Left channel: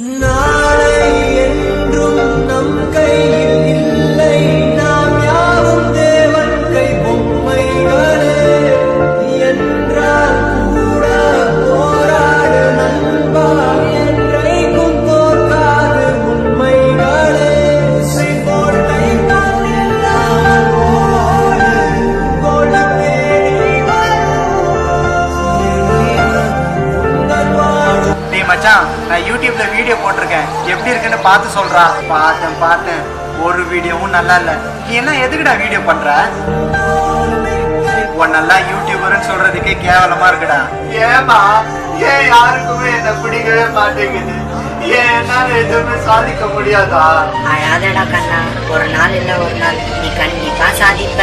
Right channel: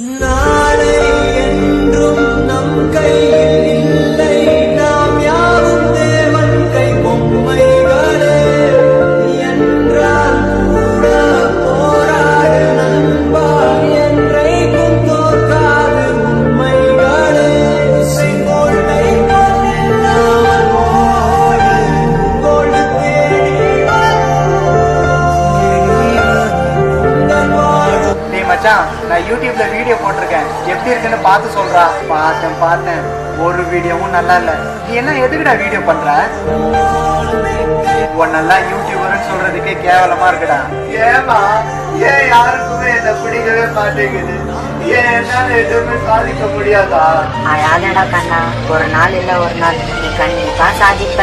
நாளை என்றும் நம் கையில் இல்லை, நாம் யாவும் தேவன் கை பொம்மைகளே. என்றால் கூட போராடு நண்பா, என்றைக்கும் தோற்காது உண்மைகளே. செங்கோட்டை பொன்னெல்லாம் ஓடு, கோல்டு தேடி வரும் உங்கள் வாழ்வு. டேய் மச்சான், நான் யூடியூப்ல வீடியோ போட்டிருக்கேன், எப்படி இருக்குன்னு பார்த்து சொல்றா. பார்த்தேன், ஒரு வீடியோவும் நல்லா இல்ல. நீ என்ன எதுக்குடா வீடியோ பண்ற? உன்னெல்லாம் யூடியூபர்னு சொல்றதுக்கே கேவலமா இருக்குடா. ஏமா ஏன் யாருக்குமே என்ன பிடிக்கவே மாட்டேங்குது? ஏன் என்னால எதுவுமே சாதிக்க முடியாதா? அழாதடா கண்ணா, ஒரு நாள் இல்ல ஒரு நாள் நீ கண்டிப்பா சாதிப்ப.